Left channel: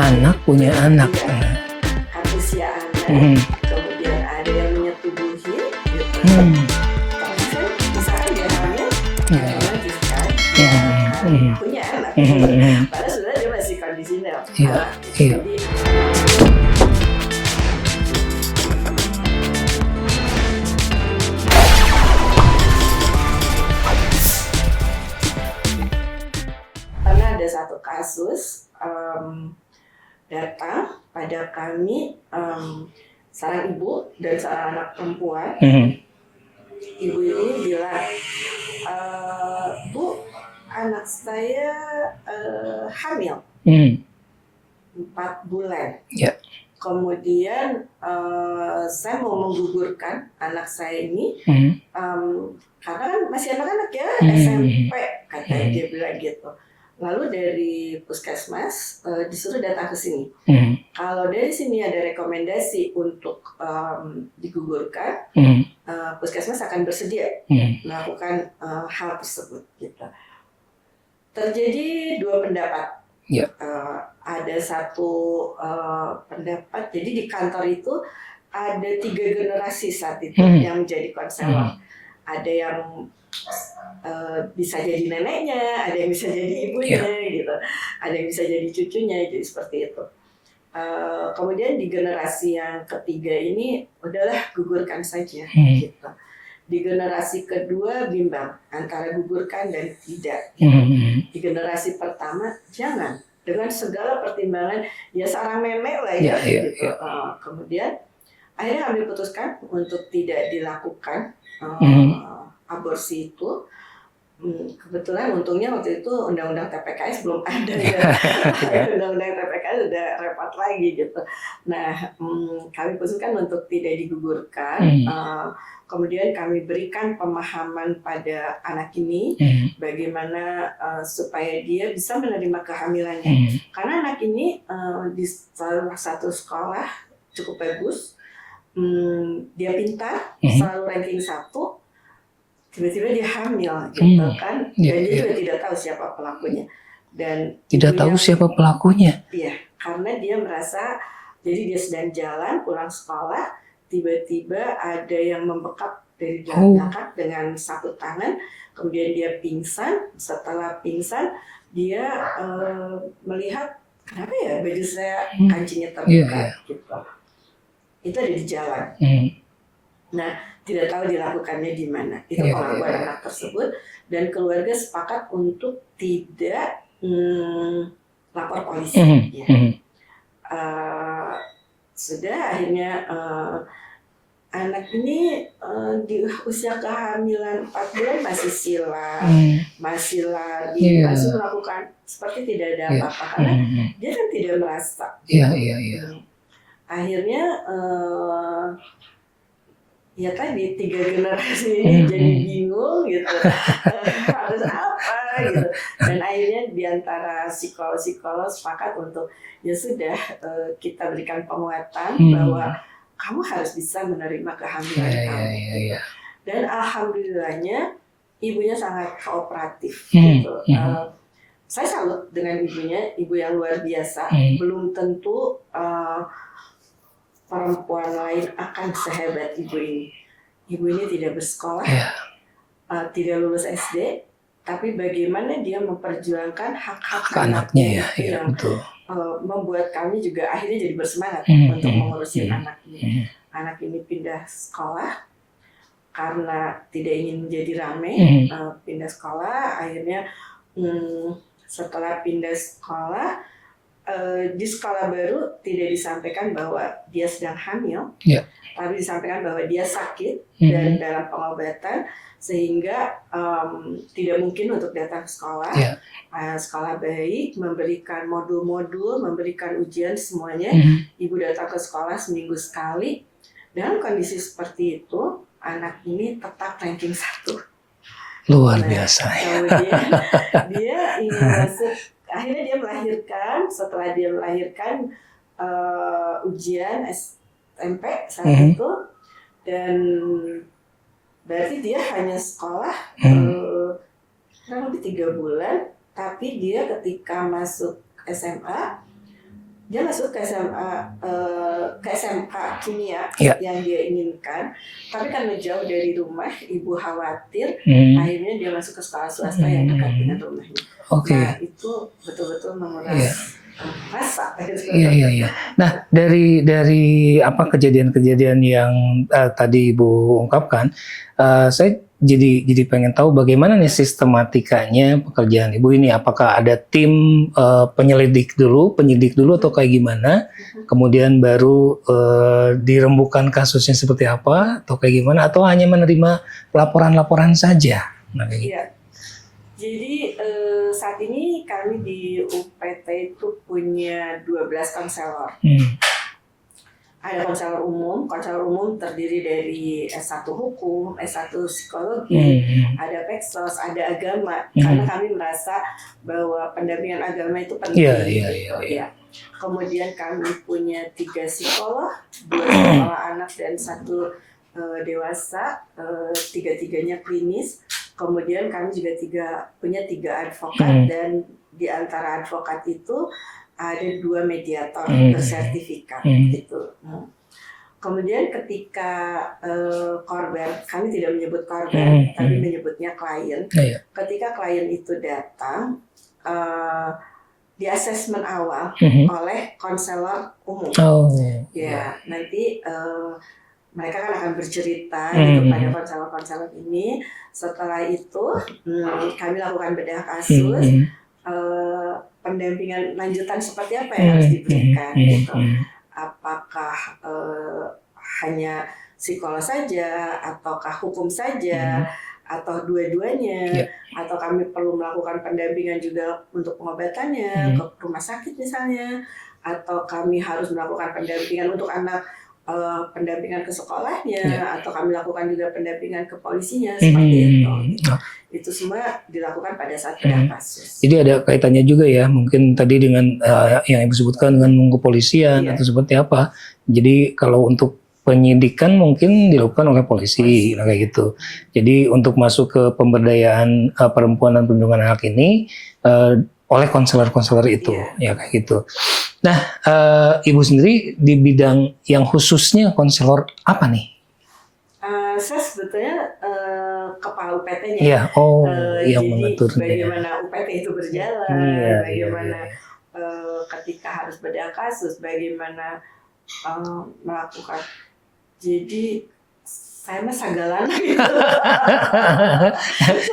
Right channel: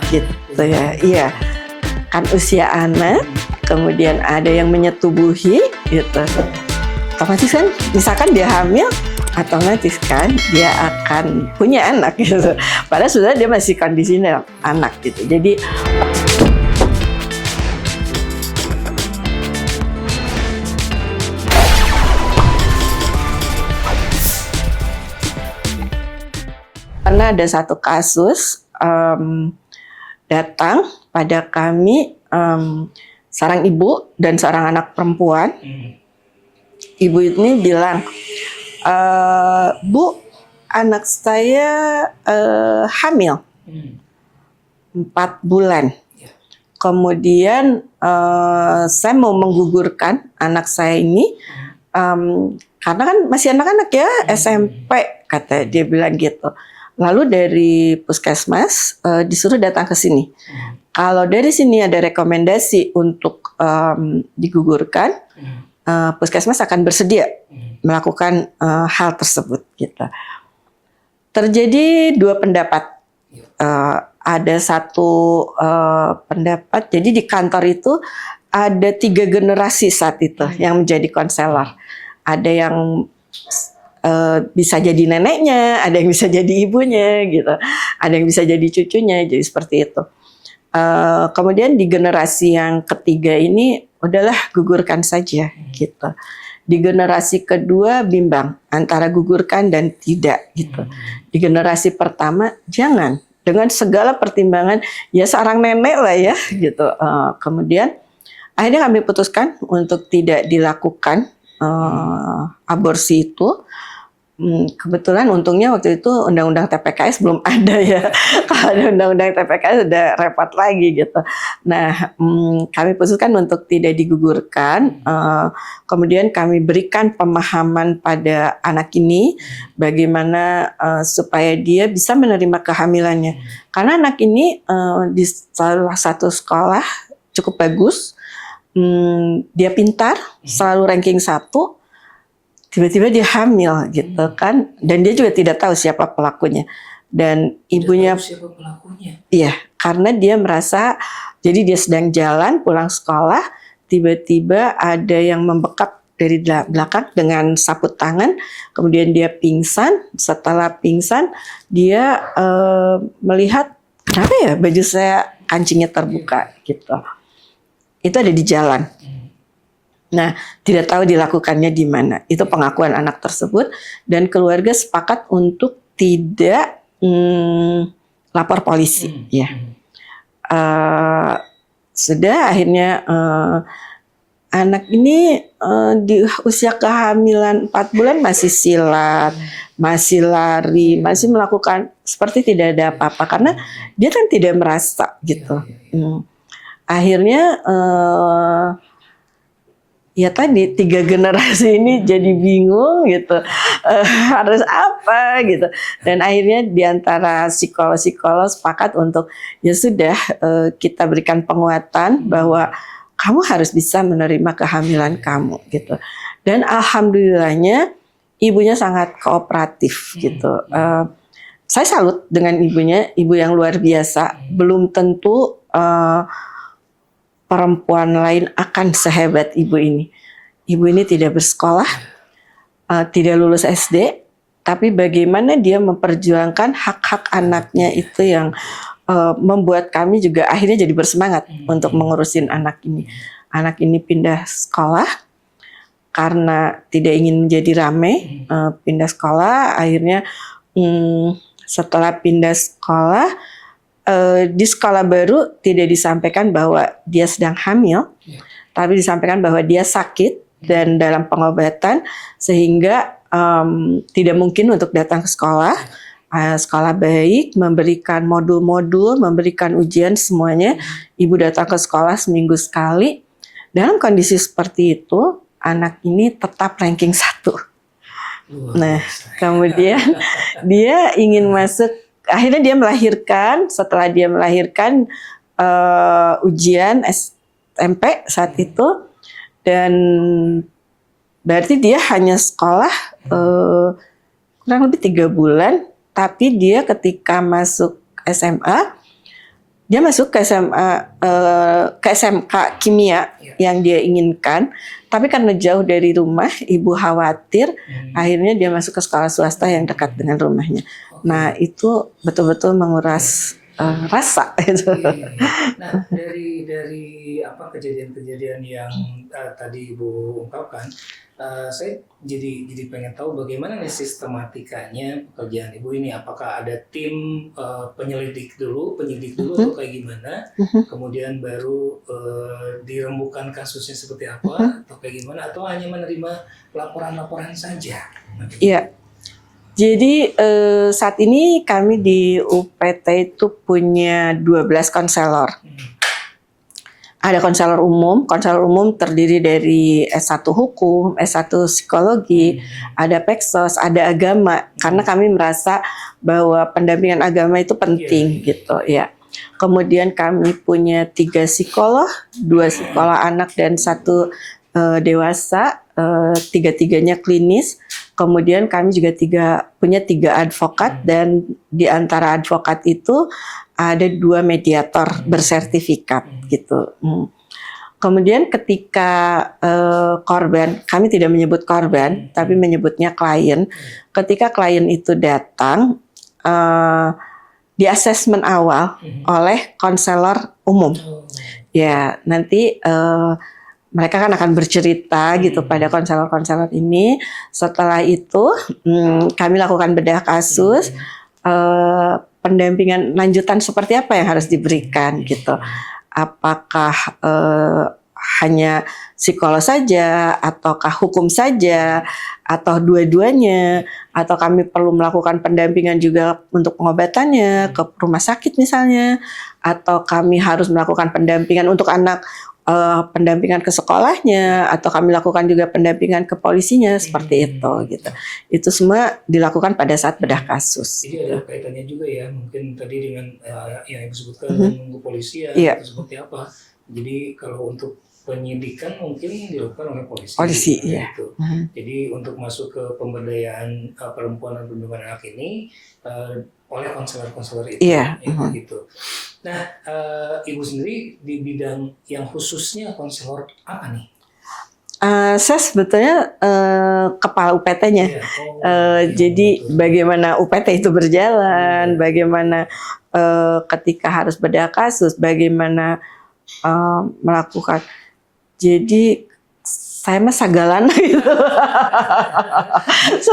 Anak punya anak. Iya, kan usia anak, kemudian ada yang menyetubuhi gitu. Otomatis kan, misalkan dia hamil, otomatis kan dia akan punya anak gitu. Padahal sudah dia masih kondisinya anak gitu. Jadi pernah ada satu kasus datang pada kami, seorang ibu dan seorang anak perempuan. Ibu ini bilang, Bu, anak saya hamil 4 bulan. Kemudian saya mau menggugurkan anak saya ini, karena kan masih anak-anak ya, SMP katanya, dia bilang gitu. Lalu dari puskesmas disuruh datang ke sini. Kalau dari sini ada rekomendasi untuk digugurkan, puskesmas akan bersedia melakukan hal tersebut. Gitu. Terjadi 2 pendapat. Ada satu pendapat. Jadi di kantor itu ada 3 generasi saat itu yang menjadi konselor. Ada yang bisa jadi neneknya, ada yang bisa jadi ibunya, gitu. Ada yang bisa jadi cucunya, jadi seperti itu. Kemudian di generasi yang ketiga ini, udahlah gugurkan saja, gitu. Di generasi kedua bimbang antara gugurkan dan tidak, gitu. Di generasi pertama jangan, dengan segala pertimbangan, ya seorang nenek lah ya, gitu. Kemudian akhirnya kami putuskan untuk tidak dilakukan aborsi itu. Kebetulan untungnya waktu itu undang-undang TPKS belum ada ya. Kalau ada undang-undang TPKS udah repot lagi gitu. Nah, kami putuskan untuk tidak digugurkan. Kemudian kami berikan pemahaman pada anak ini bagaimana supaya dia bisa menerima kehamilannya. Karena anak ini di salah satu sekolah cukup bagus, dia pintar, selalu ranking 1. Tiba-tiba dia hamil gitu kan, dan dia juga tidak tahu siapa pelakunya, dan ibunya tahu siapa pelakunya. Iya, karena dia merasa, jadi dia sedang jalan pulang sekolah, tiba-tiba ada yang membekap dari belakang dengan sapu tangan, kemudian dia pingsan. Setelah pingsan dia melihat, kenapa ya baju saya kancingnya terbuka gitu. Itu ada di jalan. Nah, tidak tahu dilakukannya di mana. Itu pengakuan anak tersebut, dan keluarga sepakat untuk tidak lapor polisi. Sudah akhirnya anak ini di usia kehamilan 4 bulan masih silat, masih lari, masih melakukan seperti tidak ada apa-apa, karena dia kan tidak merasa gitu. Akhirnya ya tadi 3 generasi ini jadi bingung gitu, harus apa gitu, dan akhirnya diantara psikolog sepakat untuk ya sudah, kita berikan penguatan bahwa kamu harus bisa menerima kehamilan kamu gitu. Dan alhamdulillahnya ibunya sangat kooperatif gitu. Saya salut dengan ibunya, ibu yang luar biasa. Belum tentu perempuan lain akan sehebat ibu ini. Ibu ini tidak bersekolah, tidak lulus SD, tapi bagaimana dia memperjuangkan hak-hak anaknya itu yang membuat kami juga akhirnya jadi bersemangat untuk mengurusin anak ini. Anak ini pindah sekolah karena tidak ingin menjadi rame, pindah sekolah. Akhirnya setelah pindah sekolah, di sekolah baru tidak disampaikan bahwa dia sedang hamil, tapi disampaikan bahwa dia sakit dan dalam pengobatan, sehingga tidak mungkin untuk datang ke sekolah. Sekolah baik, memberikan modul-modul, memberikan ujian semuanya. Ibu datang ke sekolah seminggu sekali. Dalam kondisi seperti itu, anak ini tetap ranking 1. Luar biasa. Kemudian dia ingin masuk. Akhirnya dia melahirkan. Setelah dia melahirkan, ujian SMP saat itu, dan berarti dia hanya sekolah kurang lebih 3 bulan. Tapi dia ketika masuk SMA, dia masuk ke SMA, ke SMK kimia Ya. yang dia inginkan, tapi karena jauh dari rumah, ibu khawatir, akhirnya dia masuk ke sekolah swasta yang dekat dengan rumahnya. Oke. Nah itu betul-betul menguras rasa. Gitu. Iya. Nah dari apa kejadian-kejadian yang tadi Ibu ungkapkan, saya jadi pengen tahu bagaimana nih sistematikanya pekerjaan Ibu ini. Apakah ada tim penyidik dulu atau kayak gimana? Kemudian baru dirembukan kasusnya seperti apa atau kayak gimana? Atau hanya menerima laporan-laporan saja? Iya. Jadi saat ini kami di UPT itu punya 12 konselor. Ada konselor umum terdiri dari S1 Hukum, S1 Psikologi, ada Peksos, ada agama. Karena kami merasa bahwa pendampingan agama itu penting gitu ya. Kemudian kami punya 3 psikolog, 2 psikolog anak dan 1 dewasa, 3-tiganya klinis. Kemudian kami juga punya 3 advokat dan di antara advokat itu ada 2 mediator bersertifikat gitu. Kemudian ketika korban, kami tidak menyebut korban, tapi menyebutnya klien. Ketika klien itu datang, di asesmen awal oleh konselor umum. Ya, nanti mereka kan akan bercerita gitu pada konselor-konselor ini. Setelah itu kami lakukan bedah kasus. Pendampingan lanjutan seperti apa yang harus diberikan gitu. Apakah hanya psikolog saja, ataukah hukum saja, atau dua-duanya, atau kami perlu melakukan pendampingan juga untuk pengobatannya ke rumah sakit misalnya, atau kami harus melakukan pendampingan untuk anak, pendampingan ke sekolahnya, atau kami lakukan juga pendampingan ke polisinya seperti itu. Gitu. Itu semua dilakukan pada saat bedah kasus. Jadi ada kaitannya juga ya, mungkin tadi dengan yang Ibu sebutkan dengan kepolisian itu seperti apa. Jadi kalau untuk penyidikan mungkin dilakukan oleh polisi kayak gitu. Jadi untuk masuk ke pemberdayaan perempuan dan perlindungan anak ini oleh konselor-konselor itu, kayak gitu. Nah, Ibu sendiri di bidang yang khususnya konselor apa nih? Saya sebetulnya kepala UPT-nya. Jadi bagaimana UPT itu berjalan, bagaimana ketika harus bedah kasus, bagaimana melakukan. Jadi saya mah sagalan gitu.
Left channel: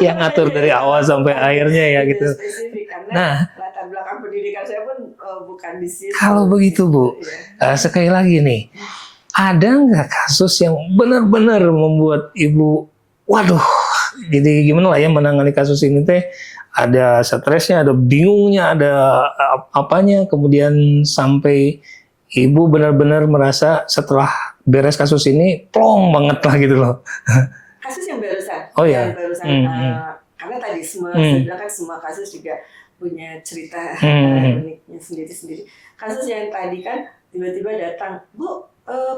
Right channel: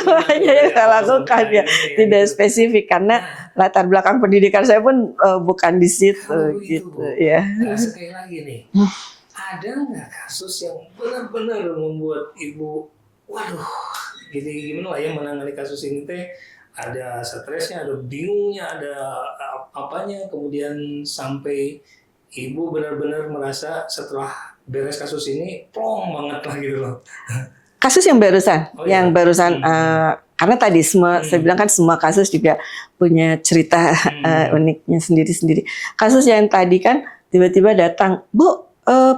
Yang ngatur dari awal sampai akhirnya ya. Tidak gitu. spesifik karena latar belakang pendidikan saya pun bukan di situ. Kalau begitu gitu, Bu, sekali lagi nih, ada nggak kasus yang benar-benar membuat Ibu, waduh, jadi gimana lah ya menangani kasus ini teh? Ada stresnya, ada bingungnya, ada apanya, kemudian sampai Ibu benar-benar merasa setelah beres kasus ini plong banget lah gitu loh. Kasus yang barusan, karena tadi semua saya bilang kan semua kasus juga punya cerita uniknya sendiri-sendiri. Kasus yang tadi kan tiba-tiba datang, Bu,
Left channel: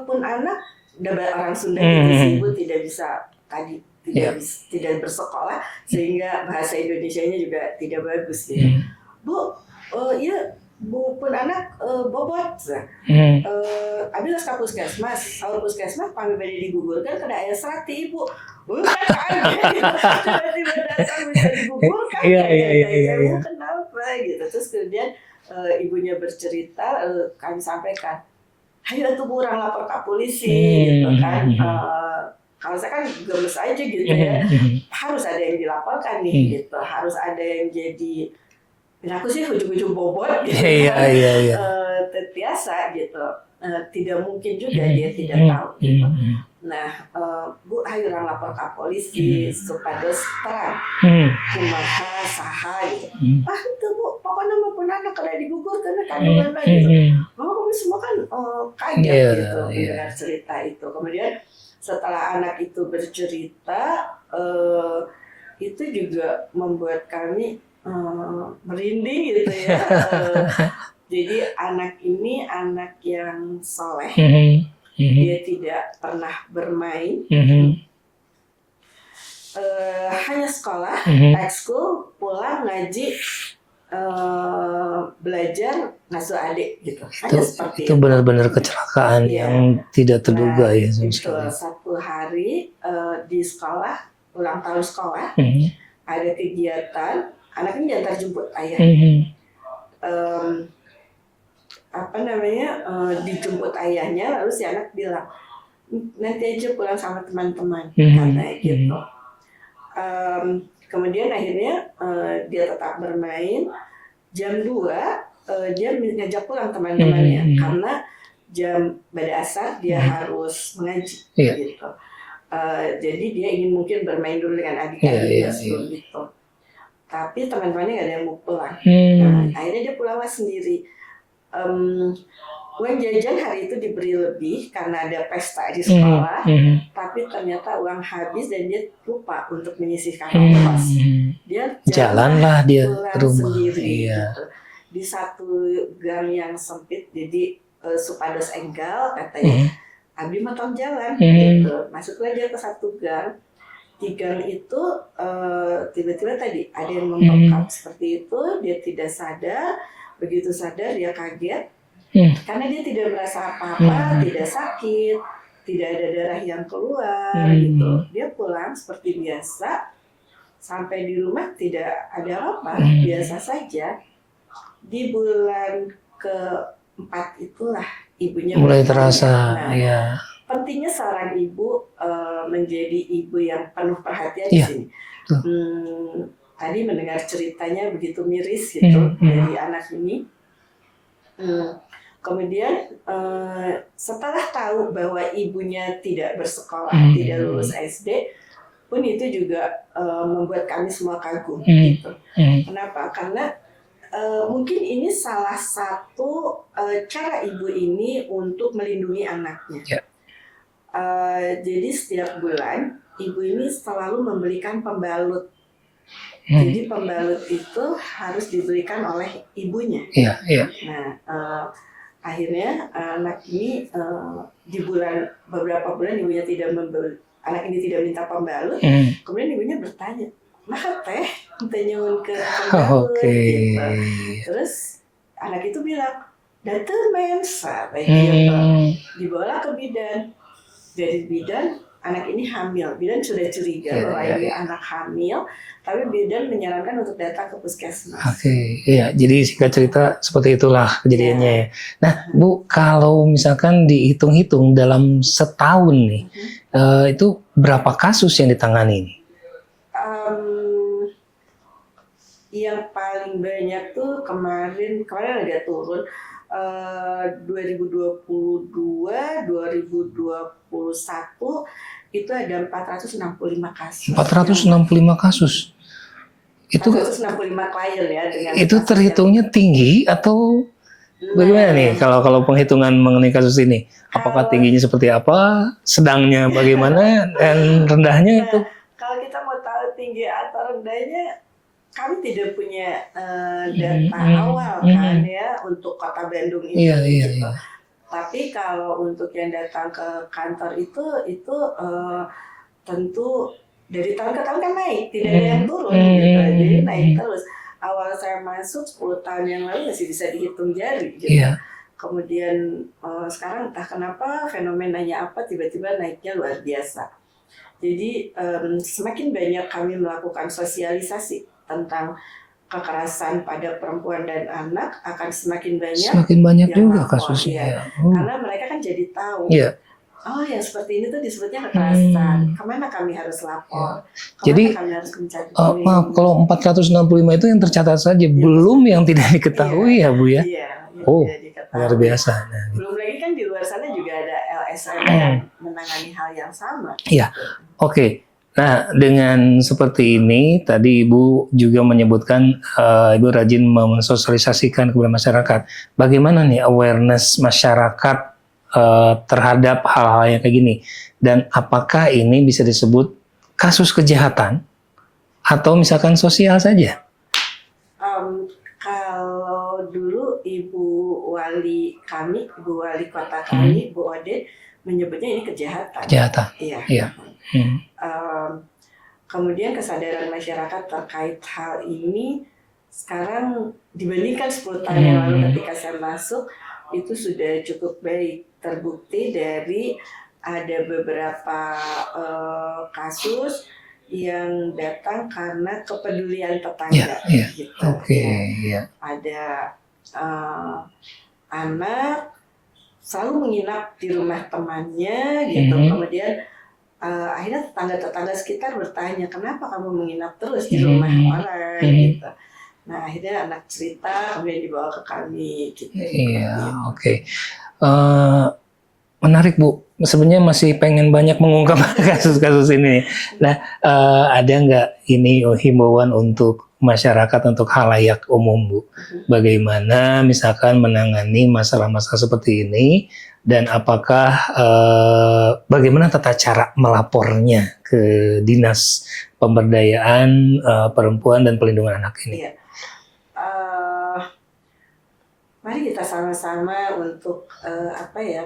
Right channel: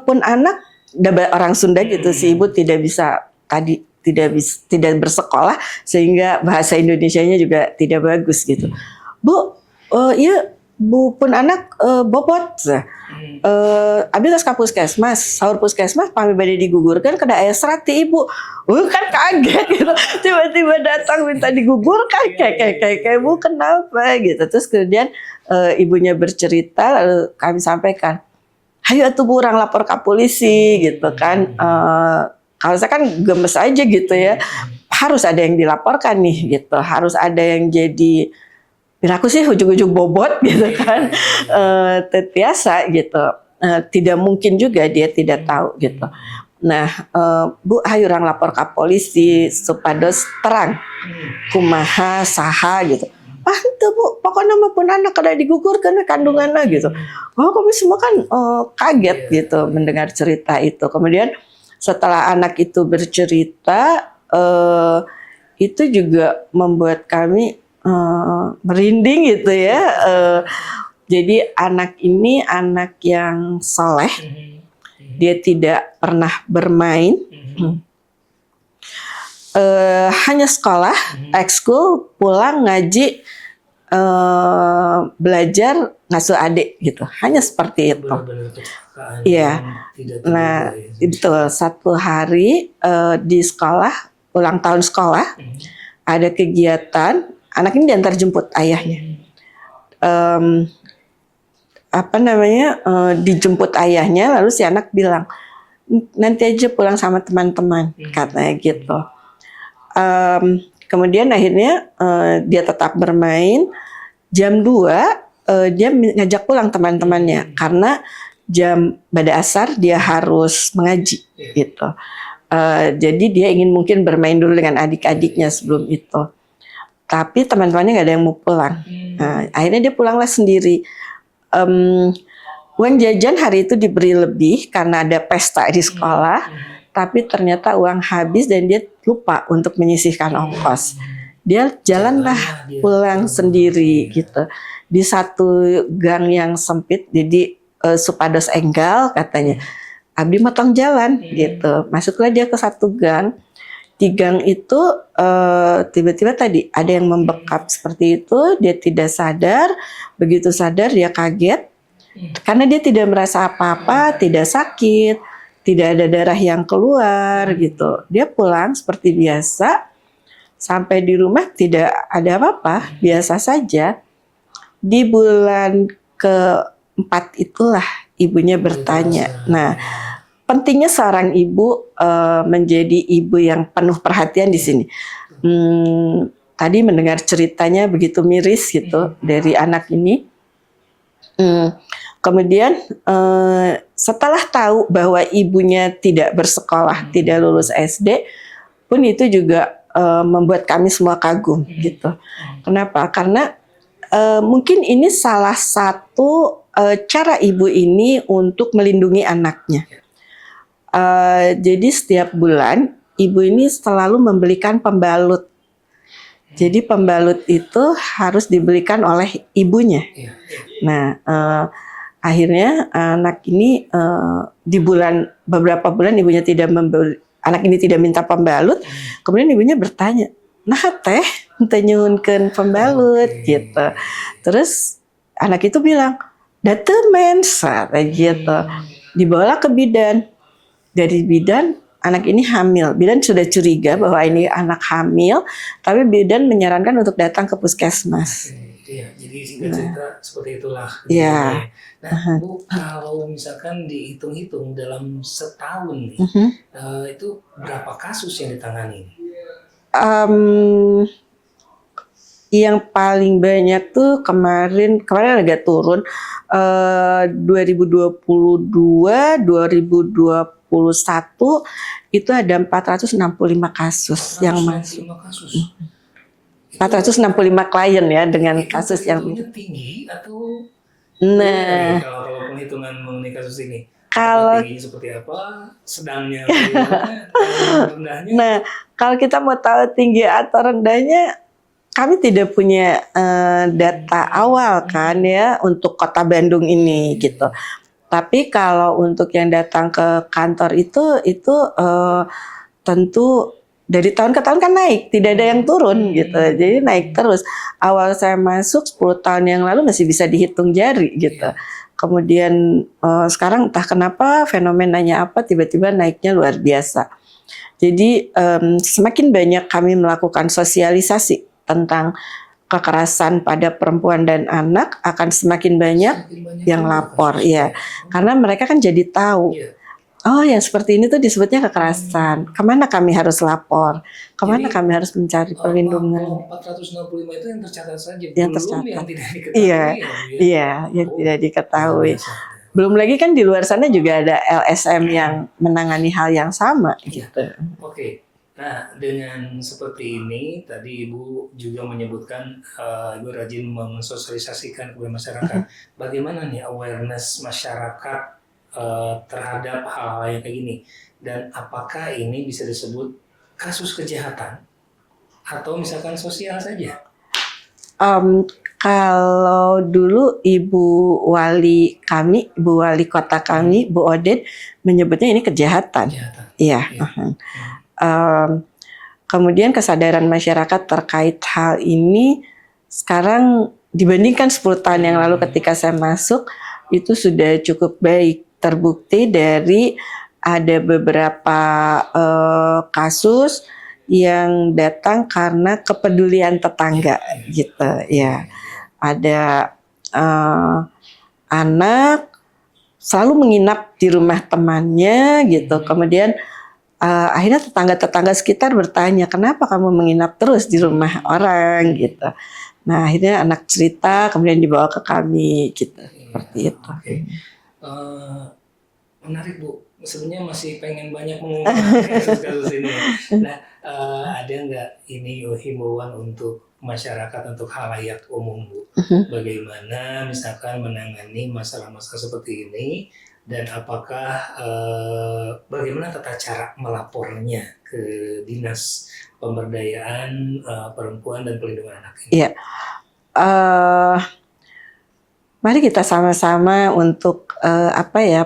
pun anak, orang Sunda gitu sih, Ibu tidak bisa tidak bersekolah sehingga bahasa Indonesianya juga tidak bagus gitu. Bu, iya. Bu pun anak bobot, abis ke puskesmas, sahur puskesmas, pami badai digugurkan, kena air serat ti ibu, kan kaget gitu, tiba-tiba datang minta digugurkan, kayak Bu kenapa gitu, terus kemudian ibunya bercerita, lalu kami sampaikan, ayo atuh Bu orang lapor ke polisi gitu kan, kalau saya kan gemes aja gitu ya, harus ada yang dilaporkan nih gitu, harus ada yang jadi aku sih ujung-ujung bobot gitu kan, biasa gitu, tidak mungkin juga dia tidak tahu gitu. Nah, Bu, ayo orang lapor ke polisi supados terang, kumaha saha gitu. Itu Bu, pokoknya maupun anak kada digugurkan kandungannya gitu. Kami semua kan kaget gitu mendengar cerita itu. Kemudian setelah anak itu bercerita, itu juga membuat kami merinding gitu ya. Jadi anak ini anak yang soleh, dia tidak pernah bermain, hanya sekolah, ekskul, pulang ngaji, belajar ngasuh adik gitu. Hanya seperti Itu itu. benar-benar kecelakaan Iya. yang tidak terduga Nah, ya. itu satu hari di sekolah, ulang tahun sekolah, ada kegiatan, anak ini diantar jemput ayahnya. Dijemput ayahnya, lalu si anak bilang, nanti aja pulang sama teman-teman, katanya gitu. Kemudian akhirnya dia tetap bermain. Jam 2 dia ngajak pulang teman-temannya karena jam pada asar dia harus mengaji gitu. Jadi dia ingin mungkin bermain dulu dengan adik-adiknya sebelum itu. Tapi teman-temannya nggak ada yang mau pulang. Nah, akhirnya dia pulanglah sendiri. Uang jajan hari itu diberi lebih karena ada pesta di sekolah, tapi ternyata uang habis dan dia lupa untuk menyisihkan ongkos. Dia jalanlah dia pulang sendiri gitu. Di satu gang yang sempit, jadi supados enggal katanya. Abdi motong jalan gitu. Masuklah dia ke satu gang. Di gang itu tiba-tiba tadi ada yang membekap seperti itu, dia tidak sadar. Begitu sadar dia kaget. Karena dia tidak merasa apa-apa, tidak sakit, tidak ada darah yang keluar gitu. Dia pulang seperti biasa, sampai di rumah tidak ada apa-apa, biasa saja. Di bulan keempat itulah ibunya mulai bertanya. Terasa, pentingnya seorang ibu menjadi ibu yang penuh perhatian di sini. Tadi mendengar ceritanya begitu miris gitu dari anak ini. Kemudian setelah tahu bahwa ibunya tidak bersekolah, tidak lulus SD, pun itu juga membuat kami semua kagum gitu. Kenapa? Karena mungkin ini salah satu cara ibu ini untuk melindungi anaknya. Jadi setiap bulan ibu ini selalu membelikan pembalut. Jadi pembalut itu harus dibelikan oleh ibunya. Nah, akhirnya anak ini di beberapa bulan ibunya tidak membeli, anak ini tidak minta pembalut. Kemudian ibunya bertanya, nah teh nyuhunkeun pembalut gitu. Terus anak itu bilang, "Datu mensa," gitu. Dibawalah ke bidan. Dari bidan anak ini hamil. Bidan sudah curiga bahwa ini anak hamil, tapi bidan menyarankan untuk datang ke puskesmas. Iya, jadi singkat cerita seperti itulah kejadiannya. Nah, Bu, kalau misalkan dihitung-hitung dalam setahun nih, itu berapa kasus yang ditangani nih? Yang paling banyak tuh kemarin agak turun. 2022, 2021 itu ada 465 kasus. 465 kasus. Itu 465 klien ya dengan itu kasus terhitungnya tinggi atau bagaimana nih kalau penghitungan mengenai kasus ini? Apakah tingginya seperti apa? Sedangnya bagaimana? Dan rendahnya? Nah, kalau kita mau tahu tinggi atau rendahnya, kami tidak punya data awal kan ya untuk Kota Bandung ini gitu. Tapi kalau untuk yang datang ke kantor itu tentu dari tahun ke tahun kan naik, tidak ada yang turun gitu. Jadi naik terus. Awal saya masuk 10 tahun yang lalu masih bisa dihitung jari gitu. Kemudian sekarang entah kenapa fenomenanya apa tiba-tiba naiknya luar biasa. Jadi semakin banyak kami melakukan sosialisasi tentang kekerasan pada perempuan dan anak, akan semakin banyak yang lapor ya. Karena mereka kan jadi tahu. Oh, yang seperti ini tuh disebutnya kekerasan. Kemana kami harus lapor? Kemana kami harus mencari perlindungan? Kalau 465 itu yang tercatat saja, belum yang tidak diketahui ya Bu ya? Iya, yang tidak diketahui. Belum lagi kan di luar sana juga ada LSM yang menangani hal yang sama. Iya, oke. Nah, dengan seperti ini, tadi Ibu juga menyebutkan Ibu rajin mensosialisasikan kepada masyarakat. Bagaimana nih awareness masyarakat terhadap hal-hal yang kayak gini? Dan apakah ini bisa disebut kasus kejahatan atau misalkan sosial saja? Kalau dulu Ibu Wali kami, Ibu Wali Kota kami, Bu Oded menyebutnya ini kejahatan. Iya. Kemudian kesadaran masyarakat terkait hal ini sekarang dibandingkan 10 tahun yang lalu ketika saya masuk itu sudah cukup baik. Terbukti dari ada beberapa kasus yang datang karena kepedulian tetangga gitu ya. Ada anak selalu menginap di rumah temannya gitu. Kemudian akhirnya tetangga-tetangga sekitar bertanya, kenapa kamu menginap terus di rumah orang gitu. Nah akhirnya anak cerita, kemudian dibawa ke kami gitu. Oke. Menarik Bu. Sebenarnya masih pengen banyak mengungkap kasus-kasus ini. Nah, ada nggak ini himbauan untuk masyarakat, untuk khalayak umum Bu? Bagaimana misalkan menangani masalah-masalah seperti ini, dan apakah bagaimana tata cara melapornya ke Dinas Pemberdayaan Perempuan dan Perlindungan Anak ini? Iya. Mari kita sama-sama untuk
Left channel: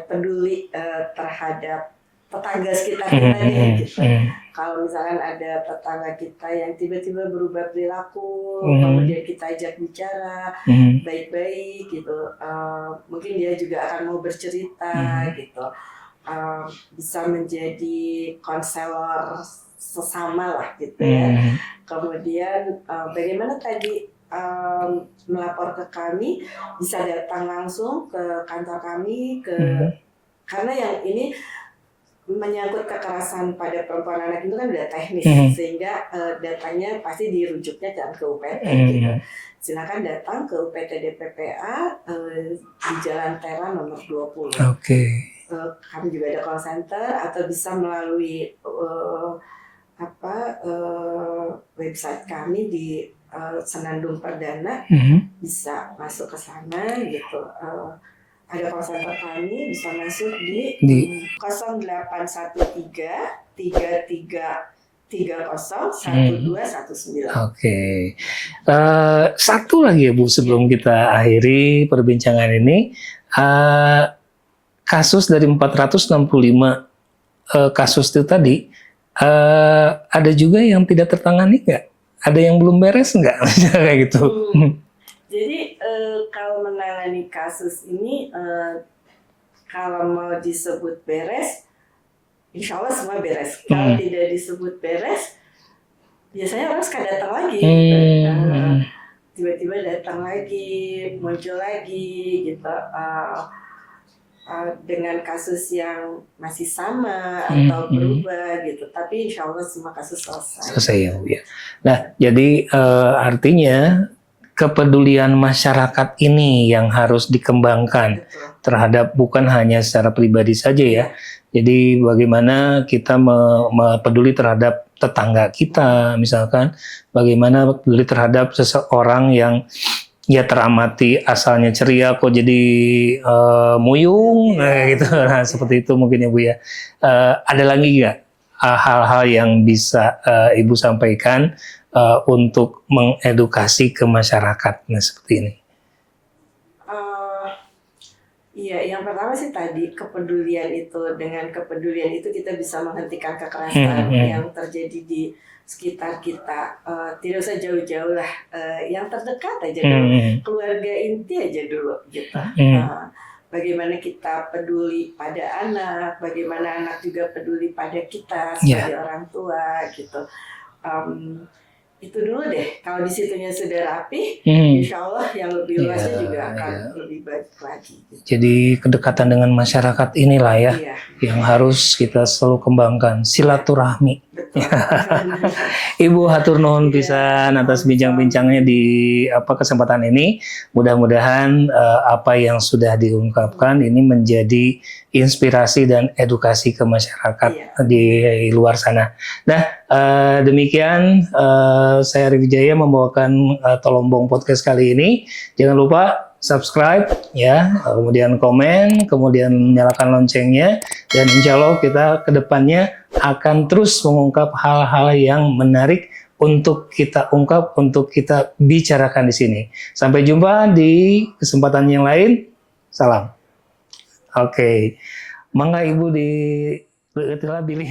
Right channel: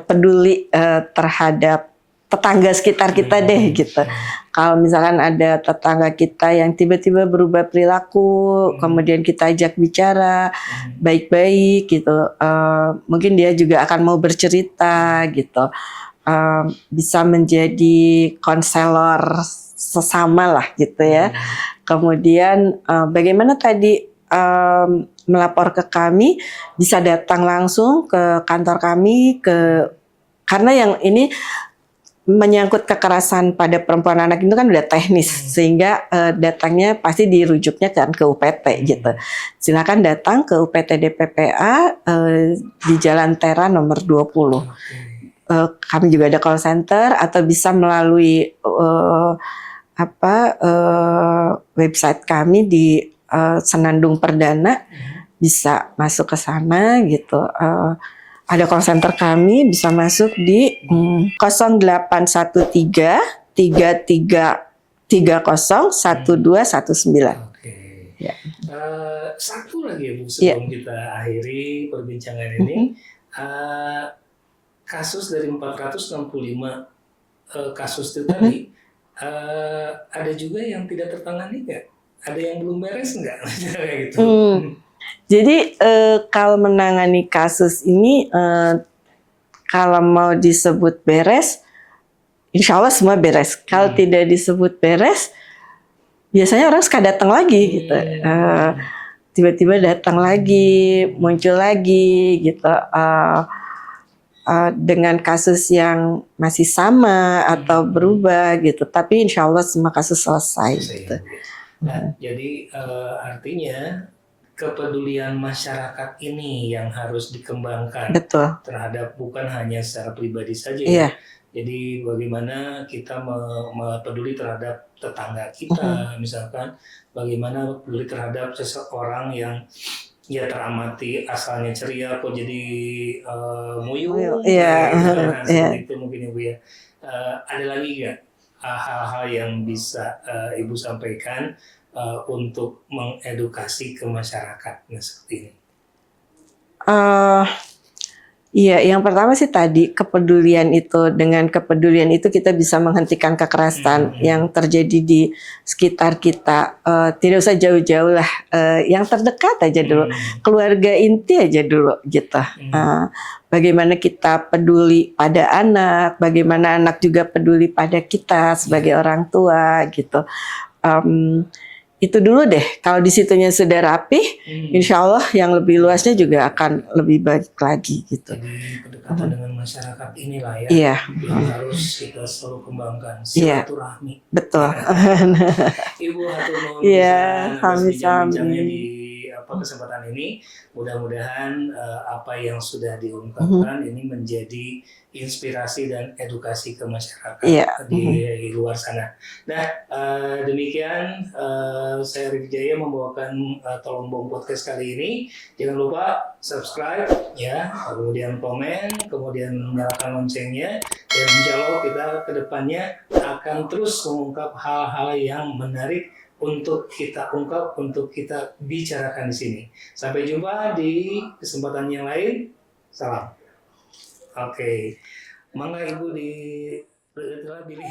peduli terhadap tetangga sekitar kita deh gitu. Kalau misalkan ada tetangga kita yang tiba-tiba berubah perilaku, kemudian kita ajak bicara baik-baik gitu, mungkin dia juga akan mau bercerita gitu, bisa menjadi konselor sesama lah gitu ya. Kemudian bagaimana tadi melapor ke kami, bisa datang langsung ke kantor kami, karena yang ini menyangkut kekerasan pada perempuan anak itu kan udah teknis, sehingga datangnya pasti dirujuknya kan ke UPT gitu. Silakan datang ke UPT DPPA di Jalan Tera nomor 20. Kami juga ada call center, atau bisa melalui website kami di Senandung Perdana, bisa masuk ke sana gitu. Ada call center kami, bisa masuk di 0813 3330 1219. Oke. Satu lagi ya Bu, sebelum kita akhiri perbincangan ini, kasus dari 465 kasus itu tadi, ada juga yang tidak tertangani nggak? Ada yang belum beres nggak? Kayak gitu. Jadi kalau menangani kasus ini, kalau mau disebut beres, insya Allah semua beres. Kalau tidak disebut beres, biasanya orang suka datang lagi. Gitu. Tiba-tiba datang lagi, muncul lagi, gitu. Dengan kasus yang masih sama atau berubah, gitu. Tapi insya Allah semua kasus selesai. Gitu. Ya. Nah, jadi artinya kepedulian masyarakat ini yang harus dikembangkan. Betul. Terhadap bukan hanya secara pribadi saja ya. Jadi bagaimana kita peduli terhadap tetangga kita, misalkan bagaimana peduli terhadap seseorang yang ya teramati asalnya ceria kok jadi muyung, gitu. Nah, seperti itu mungkin ya Bu ya. Ada lagi nggak hal-hal yang bisa Ibu sampaikan untuk mengedukasi ke masyarakat seperti ini? Iya, yang pertama sih tadi kepedulian itu. Dengan kepedulian itu kita bisa menghentikan kekerasan yang terjadi di sekitar kita. Tidak usah jauh-jauh lah, yang terdekat aja dulu, keluarga inti aja dulu gitu. Bagaimana kita peduli pada anak, bagaimana anak juga peduli pada kita sebagai orang tua gitu. Itu dulu deh. Kalau di situnya sudah rapih, insya Allah yang lebih luasnya juga akan lebih baik lagi. Gitu. Jadi kedekatan dengan masyarakat inilah ya, yang harus kita selalu kembangkan, silaturahmi. Betul. Ibu hatur nuhun pisan atas bincang-bincangnya di kesempatan ini. Mudah-mudahan apa yang sudah diungkapkan ini menjadi inspirasi dan edukasi ke masyarakat di luar sana. Nah, demikian saya Arif Wijaya membawakan Tolombong Podcast kali ini. Jangan lupa subscribe ya, kemudian komen, kemudian nyalakan loncengnya, dan insya Allah kita kedepannya akan terus mengungkap hal-hal yang menarik untuk kita ungkap, untuk kita bicarakan di sini. Sampai jumpa di kesempatan yang lain. Salam. Oke, mangga Ibu di pilih.